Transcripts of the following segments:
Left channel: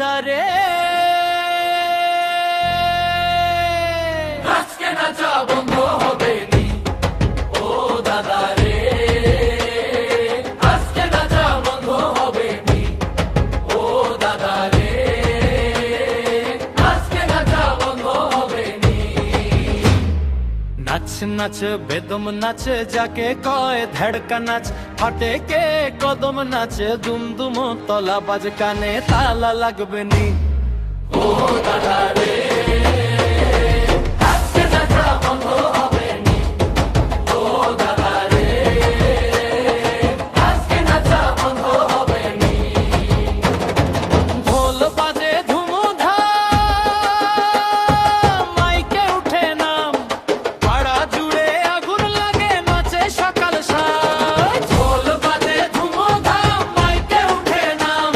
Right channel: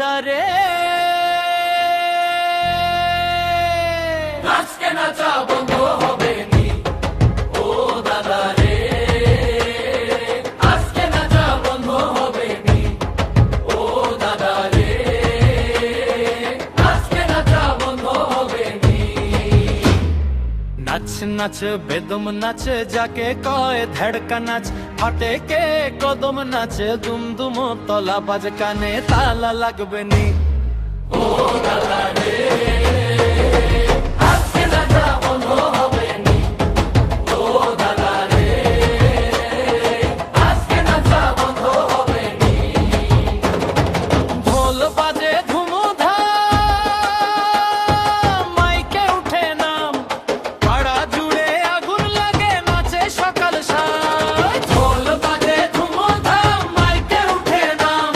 দাদা রে আজকে নাচা বন্ধ হবে নি ও দাদা রে আজকে নাচা বন্ধ হবে নি ও দাদা রে আজকে নাচা বন্ধ হবে নি নাচ নাচ বেদম নাচ যাকে কয় ধড়কা নাচ ফাটে কে কদম নাচ দুম দুম তলা বাজ কানে তালা লাগবে নি ও দাদা রে আজকে নাচা বন্ধ হবে নি ও দাদা রে আজকে নাচা বন্ধ হবে নি ঢোল বাজে ধুমধাম মাইকে উঠে নাম পাড়া জুড়ে আগুন লাগে নাচে সকাল সাজ ঢোল বাজে ধুমধাম মাইকে উঠে নাম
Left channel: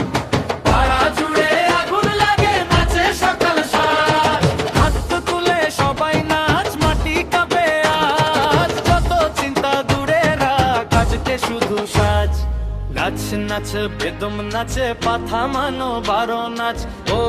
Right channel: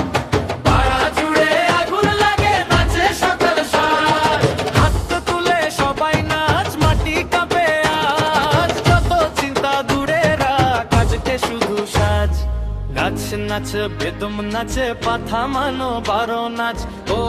পাড়া জুড়ে আগুন লাগে নাচে সকাল সাজ হাত তুলে সবাই নাচ মাটি কাঁপে আজ যত চিন্তা দূরে রাখ আজকে শুধু সাজ নাচ নাচ বেদম নাচে পাথা মানো বারো নাচ ও